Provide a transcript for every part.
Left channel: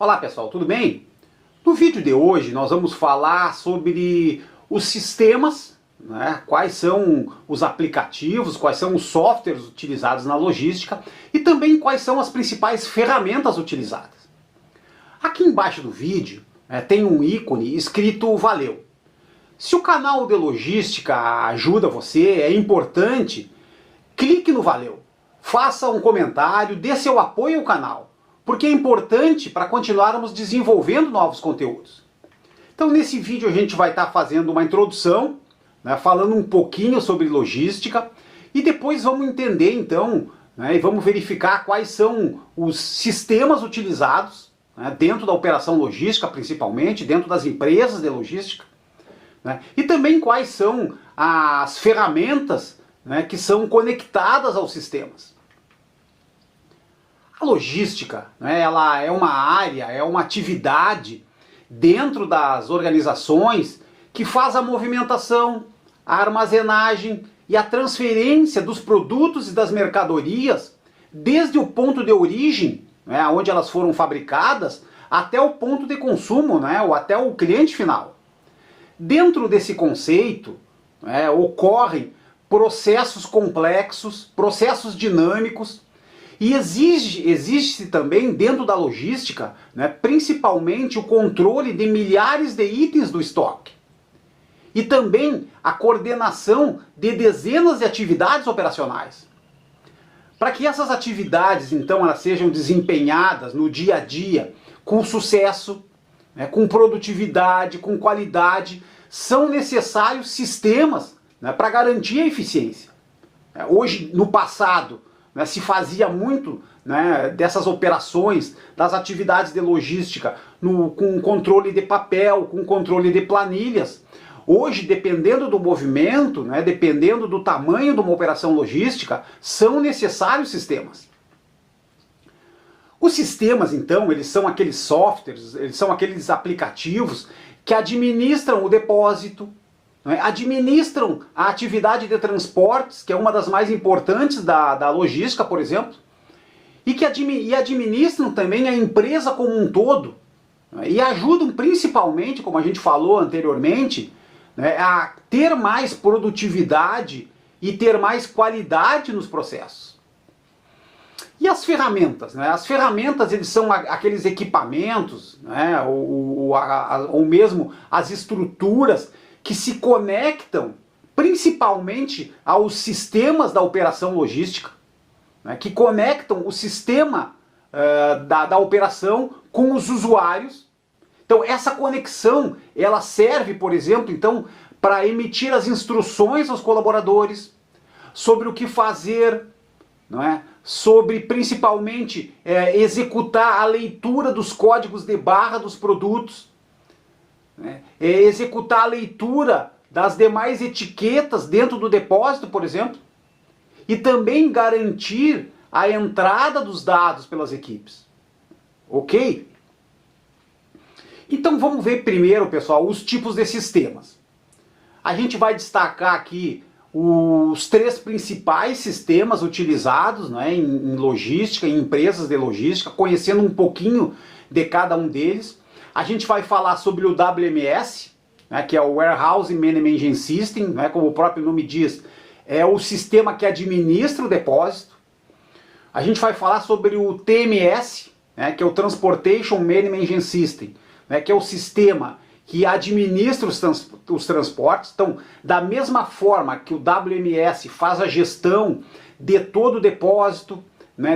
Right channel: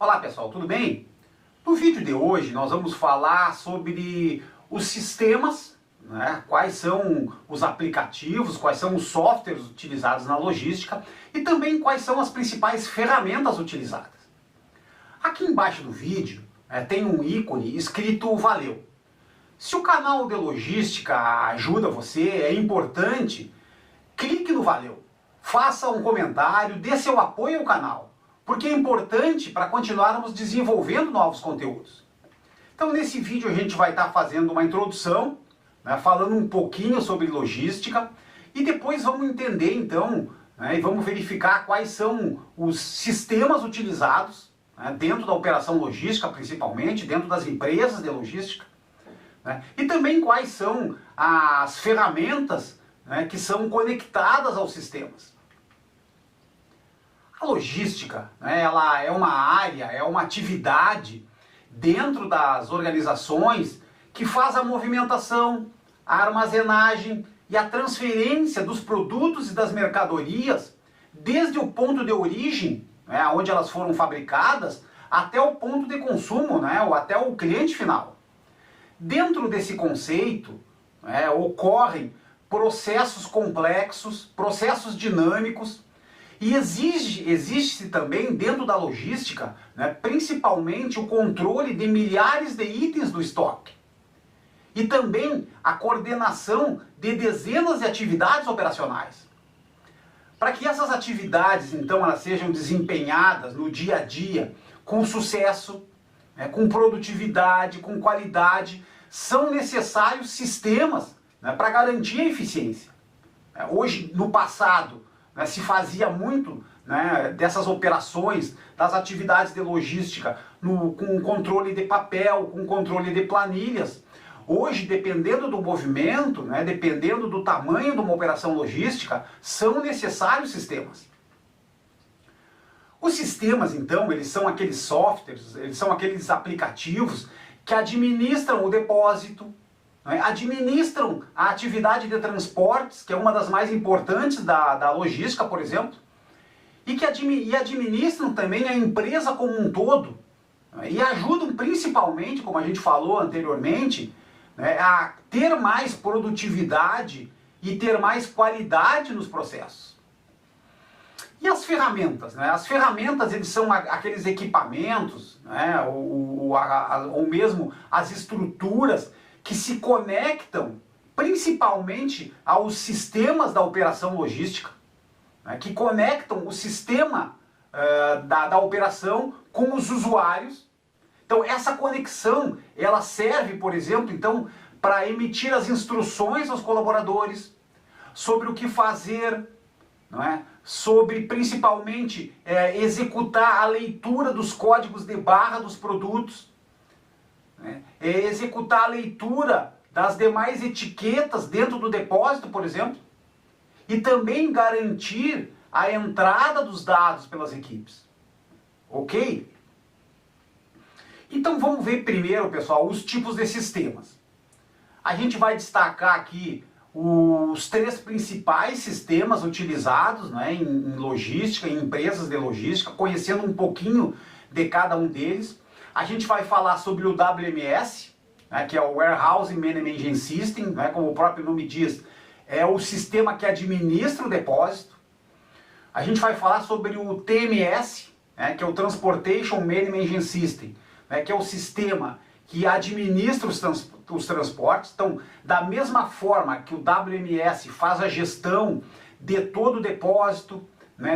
Olá pessoal, tudo bem? No vídeo de hoje nós vamos falar sobre os sistemas, né? Quais são os aplicativos, quais são os softwares utilizados na logística e também quais são as principais ferramentas utilizadas. Aqui embaixo do vídeo tem um ícone escrito Valeu. Se o canal de logística ajuda você, é importante, clique no Valeu, faça um comentário, dê seu apoio ao canal, porque é importante para continuarmos desenvolvendo novos conteúdos. Então nesse vídeo a gente vai estar fazendo uma introdução, falando um pouquinho sobre logística, e depois vamos entender então, e vamos verificar quais são os sistemas utilizados, dentro da operação logística principalmente, dentro das empresas de logística, e também quais são as ferramentas que são conectadas aos sistemas. A logística, ela é uma área, é uma atividade dentro das organizações que faz a movimentação, a armazenagem e a transferência dos produtos e das mercadorias desde o ponto de origem, onde elas foram fabricadas, até o ponto de consumo, ou até o cliente final. Dentro desse conceito, ocorrem processos complexos, processos dinâmicos, e existe também dentro da logística, principalmente o controle de milhares de itens do estoque. E também a coordenação de dezenas de atividades operacionais. Para que essas atividades, então, elas sejam desempenhadas no dia a dia com sucesso, com produtividade, com qualidade, são necessários sistemas para garantir a eficiência. Hoje, no passado, se fazia muito dessas operações, das atividades de logística, com controle de papel, com controle de planilhas. Hoje, dependendo do movimento, dependendo do tamanho de uma operação logística, são necessários sistemas. Os sistemas, então, eles são aqueles softwares, eles são aqueles aplicativos que administram o depósito, administram a atividade de transportes, que é uma das mais importantes da logística, por exemplo, e administram também a empresa como um todo, e ajudam principalmente, como a gente falou anteriormente, a ter mais produtividade e ter mais qualidade nos processos. E as ferramentas? As ferramentas, eles são aqueles equipamentos, ou mesmo as estruturas que se conectam principalmente aos sistemas da operação logística, que conectam o sistema da operação com os usuários. Então essa conexão, ela serve, por exemplo, então, para emitir as instruções aos colaboradores sobre o que fazer, sobre principalmente executar a leitura dos códigos de barra dos produtos, executar a leitura das demais etiquetas dentro do depósito, por exemplo, e também garantir a entrada dos dados pelas equipes. Ok? Então vamos ver primeiro, pessoal, os tipos de sistemas. A gente vai destacar aqui os 3 principais sistemas utilizados em logística, em empresas de logística, conhecendo um pouquinho de cada um deles. A gente vai falar sobre o WMS, que é o Warehouse Management System, como o próprio nome diz, é o sistema que administra o depósito. A gente vai falar sobre o TMS, que é o Transportation Management System, que é o sistema que administra os transportes. Então, da mesma forma que o WMS faz a gestão de todo o depósito,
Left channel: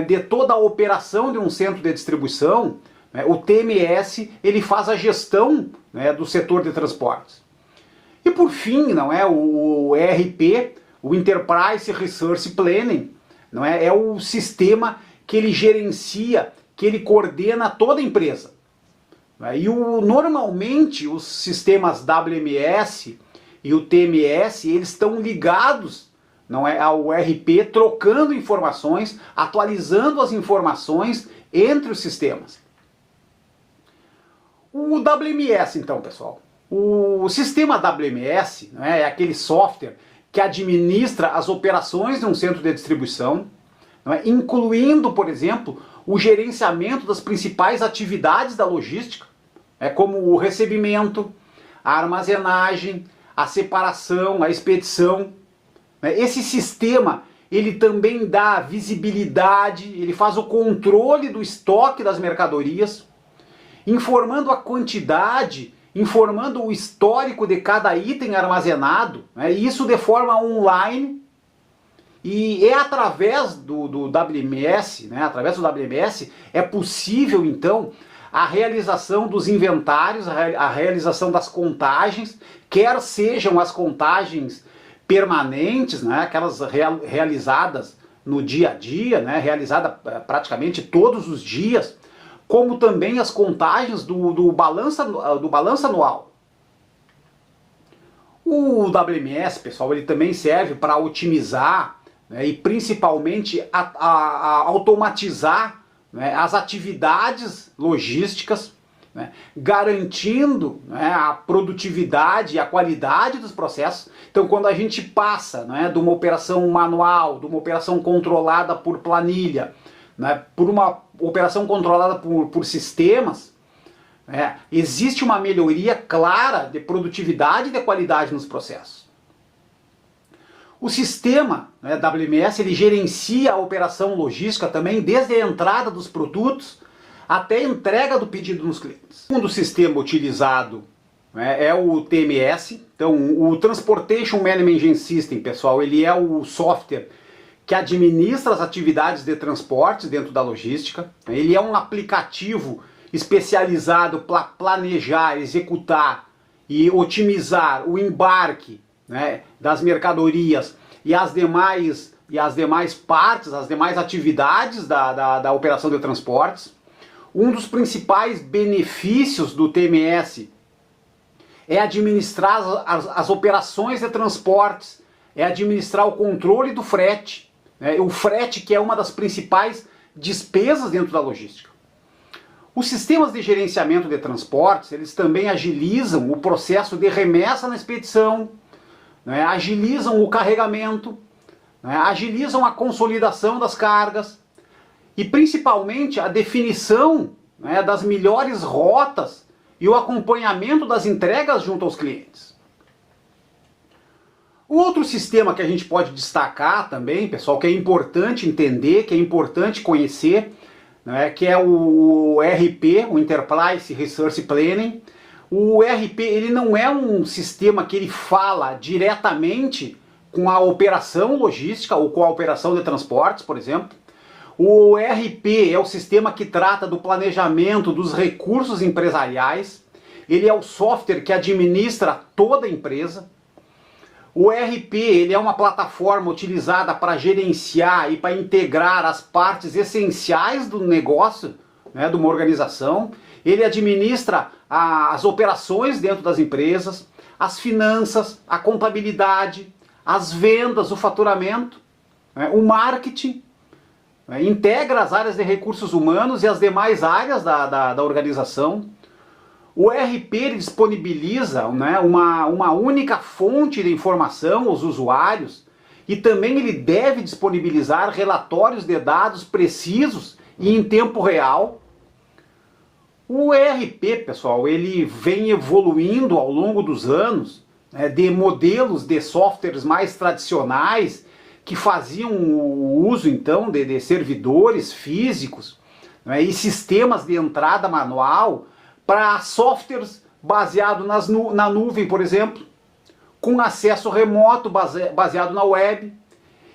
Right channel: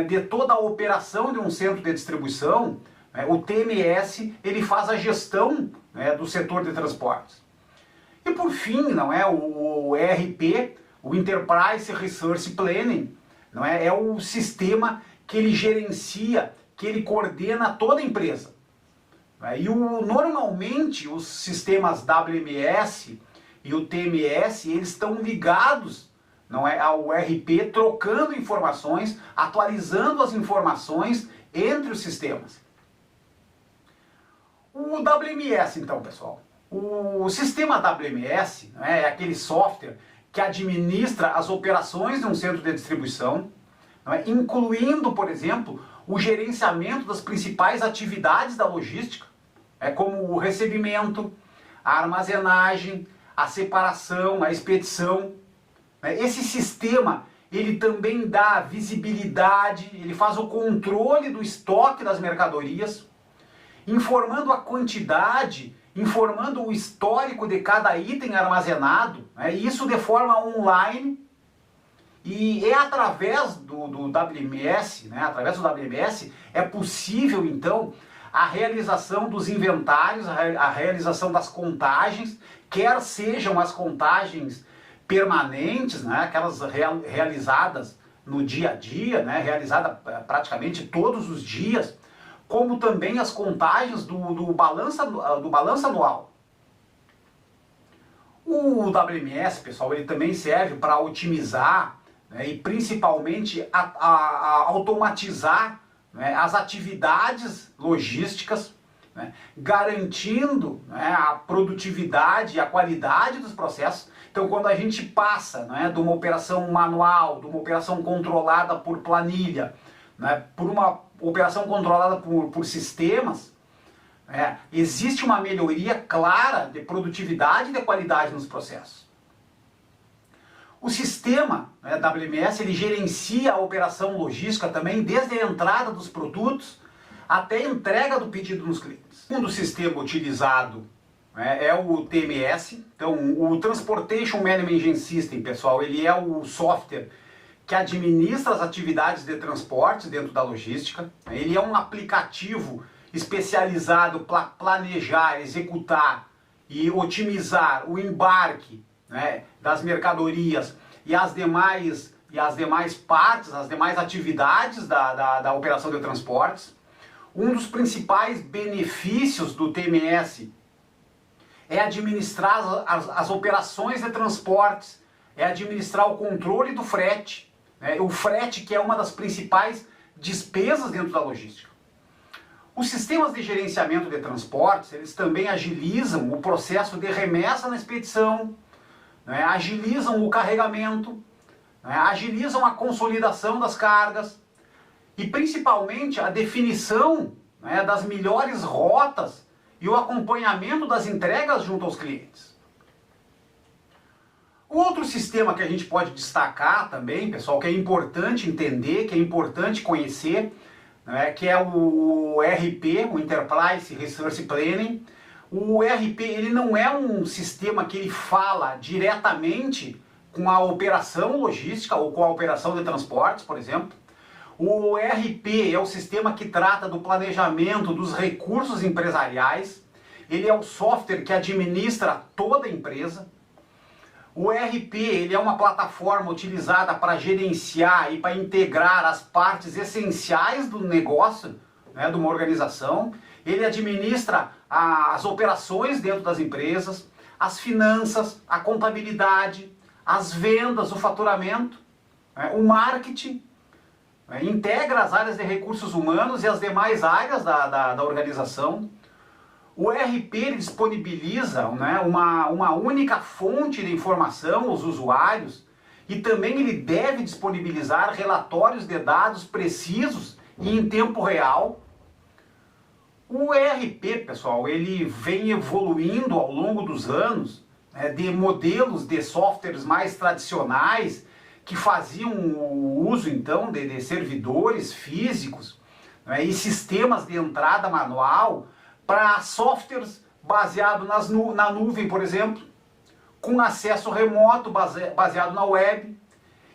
de toda a operação de um centro de distribuição, o TMS ele faz a gestão do setor de transportes. E por fim, o ERP, o Enterprise Resource Planning, é o sistema que ele gerencia, que ele coordena toda a empresa. E normalmente os sistemas WMS e o TMS, eles estão ligados ao ERP, trocando informações, atualizando as informações entre os sistemas. O WMS, então, pessoal. O sistema WMS é aquele software que administra as operações de um centro de distribuição, incluindo, por exemplo, o gerenciamento das principais atividades da logística, como o recebimento, a armazenagem, a separação, a expedição. Esse sistema, ele também dá visibilidade, ele faz o controle do estoque das mercadorias, informando a quantidade, informando o histórico de cada item armazenado, isso de forma online. E é através do WMS, através do WMS, é possível, então, a realização dos inventários, a realização das contagens, quer sejam as contagens permanentes, aquelas realizadas no dia a dia, realizadas praticamente todos os dias, como também as contagens do balanço anual. O WMS, pessoal, ele também serve para otimizar e principalmente a automatizar as atividades logísticas, garantindo a produtividade e a qualidade dos processos. Então, quando a gente passa de uma operação manual, de uma operação controlada por planilha, por uma operação controlada por sistemas, existe uma melhoria clara de produtividade e de qualidade nos processos. O sistema WMS, ele gerencia a operação logística também desde a entrada dos produtos até a entrega do pedido nos clientes. O segundo sistema utilizado é o TMS. Então, o Transportation Management System, pessoal, ele é o software que administra as atividades de transporte dentro da logística. Ele é um aplicativo especializado para planejar, executar e otimizar o embarque das mercadorias e as demais partes, as demais atividades da operação de transportes. Um dos principais benefícios do TMS é administrar as operações de transportes, é administrar o controle do frete, o frete, que é uma das principais despesas dentro da logística. Os sistemas de gerenciamento de transportes, eles também agilizam o processo de remessa na expedição, agilizam o carregamento, agilizam a consolidação das cargas e principalmente a definição das melhores rotas e o acompanhamento das entregas junto aos clientes. O outro sistema que a gente pode destacar também, pessoal, que é importante entender, que é importante conhecer, que é o ERP, o Enterprise Resource Planning. O ERP, ele não é um sistema que ele fala diretamente com a operação logística ou com a operação de transportes, por exemplo. O ERP é o sistema que trata do planejamento dos recursos empresariais. Ele é o software que administra toda a empresa. O ERP, ele é uma plataforma utilizada para gerenciar e para integrar as partes essenciais do negócio, de uma organização. Ele administra as operações dentro das empresas, as finanças, a contabilidade, as vendas, o faturamento, o marketing, integra as áreas de recursos humanos e as demais áreas da organização. O ERP ele disponibiliza uma única fonte de informação aos usuários e também ele deve disponibilizar relatórios de dados precisos e em tempo real. O ERP, pessoal, ele vem evoluindo ao longo dos anos, de modelos de softwares mais tradicionais que faziam o uso então de servidores físicos e sistemas de entrada manual para softwares baseados na nuvem, por exemplo, com acesso remoto baseado na web.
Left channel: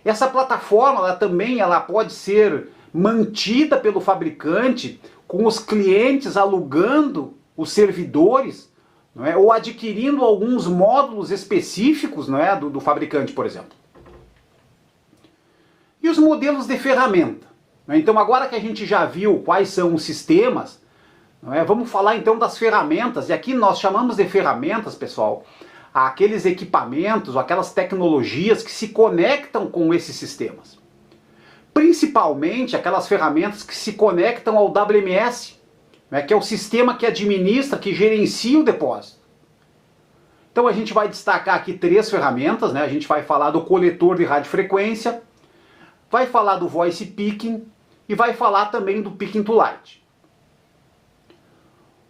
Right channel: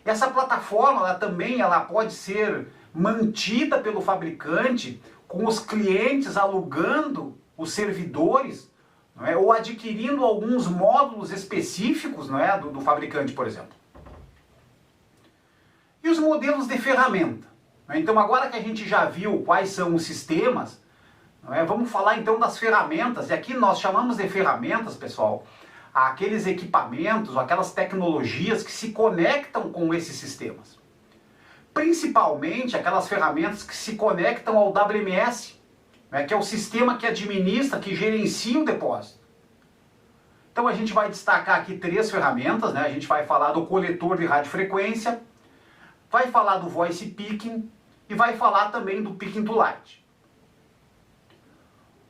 Essa plataforma ela pode ser mantida pelo fabricante, com os clientes alugando os servidores, ou adquirindo alguns módulos específicos do fabricante, por exemplo. E os modelos de ferramenta? Então, agora que a gente já viu quais são os sistemas, vamos falar então das ferramentas. E aqui nós chamamos de ferramentas, pessoal, aqueles equipamentos, aquelas tecnologias que se conectam com esses sistemas. Principalmente aquelas ferramentas que se conectam ao WMS, que é o sistema que administra, que gerencia o depósito. Então a gente vai destacar aqui 3 ferramentas, a gente vai falar do coletor de radiofrequência, vai falar do voice picking e vai falar também do Picking to Light.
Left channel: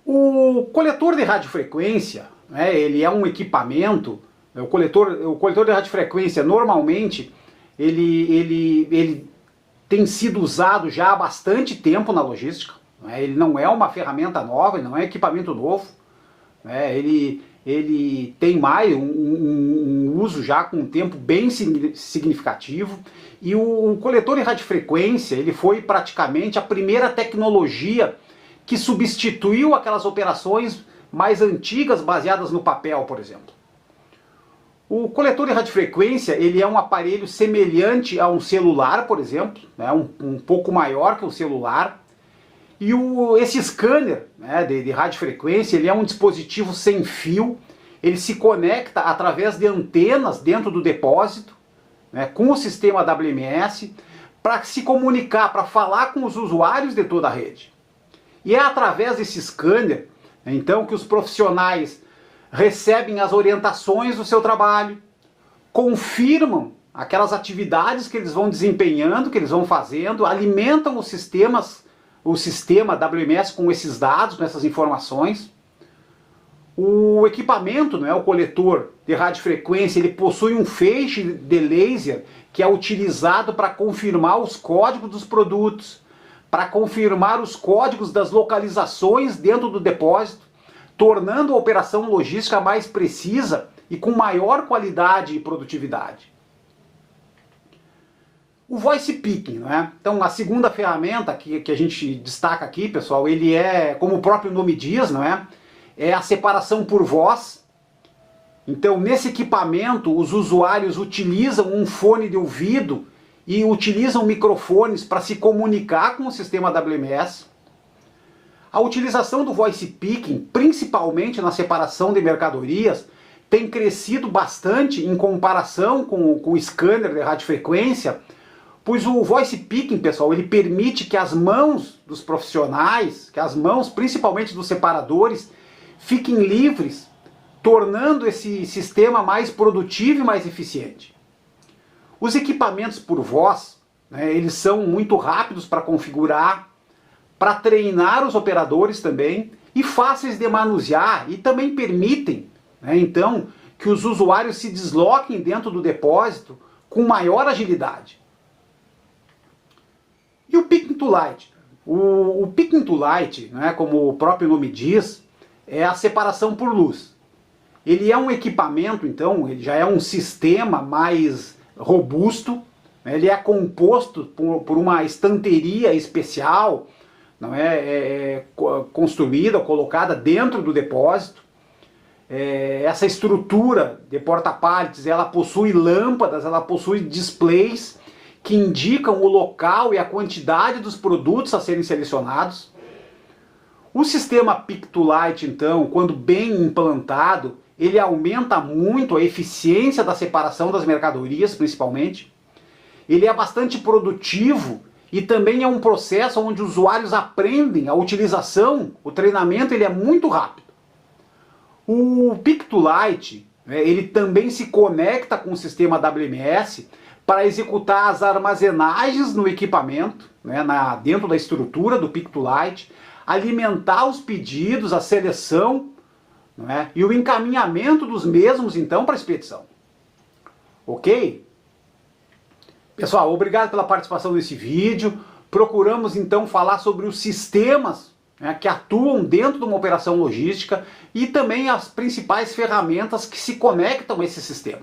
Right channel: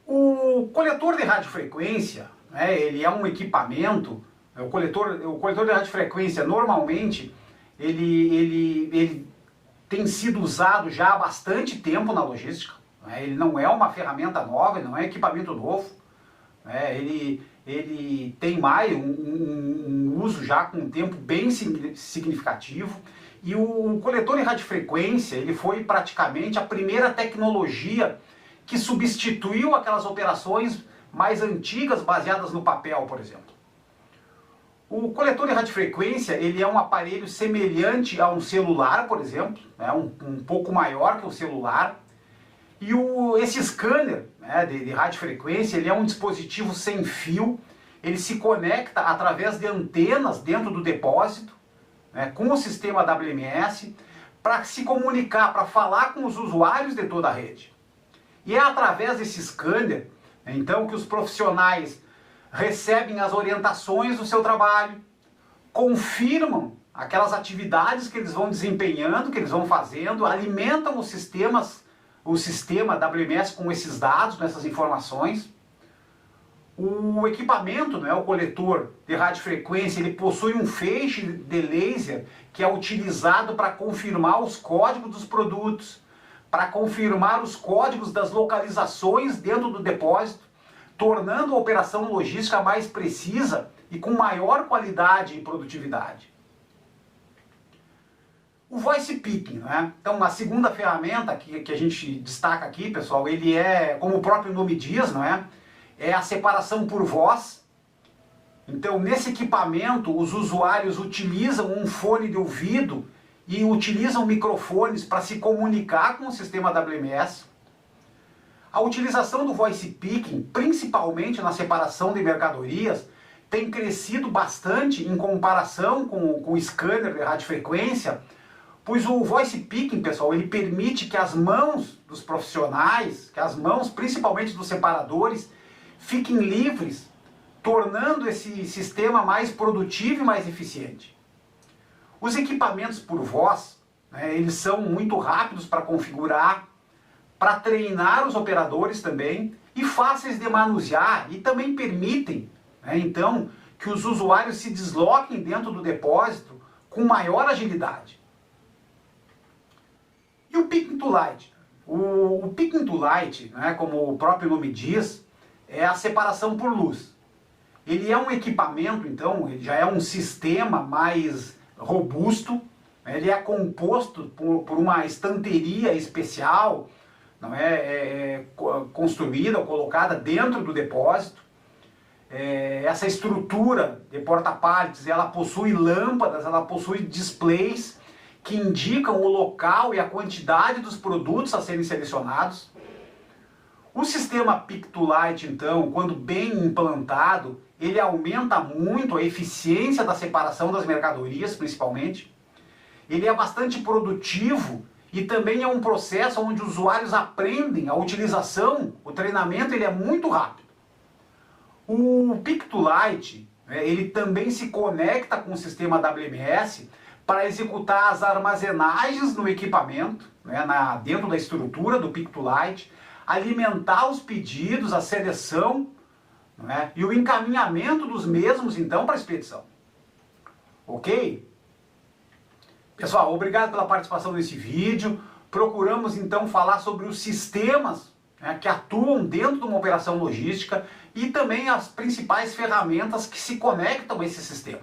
O coletor de radiofrequência, né, ele é um equipamento, o coletor de radiofrequência normalmente ele tem sido usado já há bastante tempo na logística, né, ele não é uma ferramenta nova, ele não é equipamento novo, né, ele tem mais um uso já com um tempo bem significativo, e o coletor de radiofrequência ele foi praticamente a primeira tecnologia que substituiu aquelas operações mais antigas baseadas no papel, por exemplo. O coletor de radiofrequência ele é um aparelho semelhante a um celular, por exemplo, né, um pouco maior que um celular. E esse scanner, né, de radiofrequência ele é um dispositivo sem fio, ele se conecta através de antenas dentro do depósito, né, com o sistema WMS, para se comunicar, para falar com os usuários de toda a rede. E é através desse scanner, então, que os profissionais recebem as orientações do seu trabalho, confirmam aquelas atividades que eles vão desempenhando, que eles vão fazendo, alimentam o sistema WMS com esses dados, com essas informações. O equipamento, né, o coletor de radiofrequência, ele possui um feixe de laser que é utilizado para confirmar os códigos dos produtos, para confirmar os códigos das localizações dentro do depósito, tornando a operação logística mais precisa e com maior qualidade e produtividade. O Voice Picking, né? Então, a segunda ferramenta que a gente destaca aqui, pessoal, ele é, como o próprio nome diz, não é? É a separação por voz. Então, nesse equipamento, os usuários utilizam um fone de ouvido e utilizam microfones para se comunicar com o sistema WMS. A utilização do Voice Picking, principalmente na separação de mercadorias, tem crescido bastante em comparação com o scanner de radiofrequência, pois o Voice Picking, pessoal, ele permite que as mãos dos profissionais, que as mãos principalmente dos separadores, fiquem livres, tornando esse sistema mais produtivo e mais eficiente. Os equipamentos por voz, né, eles são muito rápidos para configurar, para treinar os operadores também, e fáceis de manusear, e também permitem, né, então, que os usuários se desloquem dentro do depósito com maior agilidade. E o Picking to Light? O Picking to Light, né, como o próprio nome diz, é a separação por luz. Ele é um equipamento, então, ele já é um sistema mais robusto, né, ele é composto por uma estanteria especial, não é, construída, colocada dentro do depósito. Essa estrutura de porta-pallets, ela possui lâmpadas, ela possui displays que indicam o local e a quantidade dos produtos a serem selecionados. O sistema Pick to Light, então, quando bem implantado, ele aumenta muito a eficiência da separação das mercadorias, principalmente. Ele é bastante produtivo e também é um processo onde os usuários aprendem a utilização, o treinamento ele é muito rápido. O Pick to Light, ele também se conecta com o sistema WMS para executar as armazenagens no equipamento, né, dentro da estrutura do Pick to Light, alimentar os pedidos, a seleção, né, e o encaminhamento dos mesmos, então, para a expedição. Ok? Pessoal, obrigado pela participação nesse vídeo. Procuramos, então, falar sobre os sistemas, né, que atuam dentro de uma operação logística e também as principais ferramentas que se conectam a esses sistemas.